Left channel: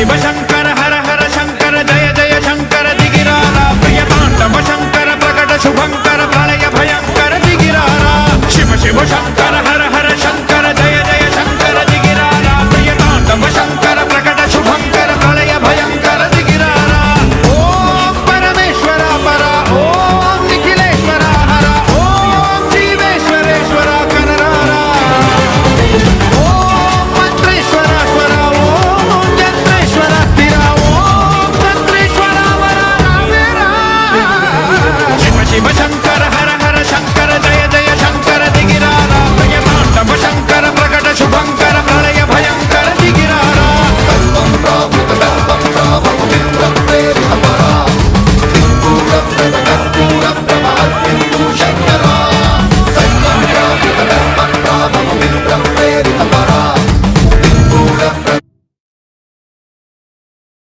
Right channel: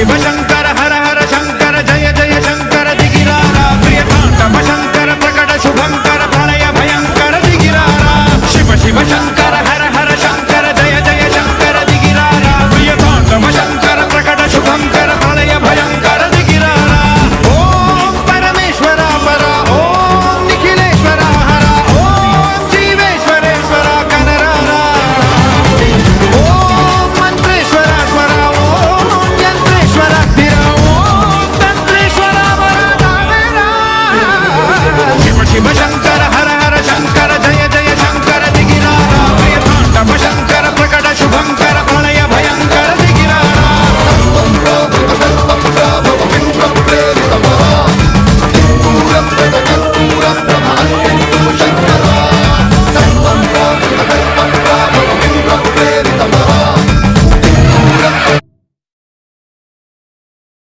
शिव शंकर हर हर शंकर जय जय शंकर दिगिरारा प्रिय तांडव शंकर प्रकट शुभंकर प्रलय भयंकर दिगिरारा शिव शिव शंकर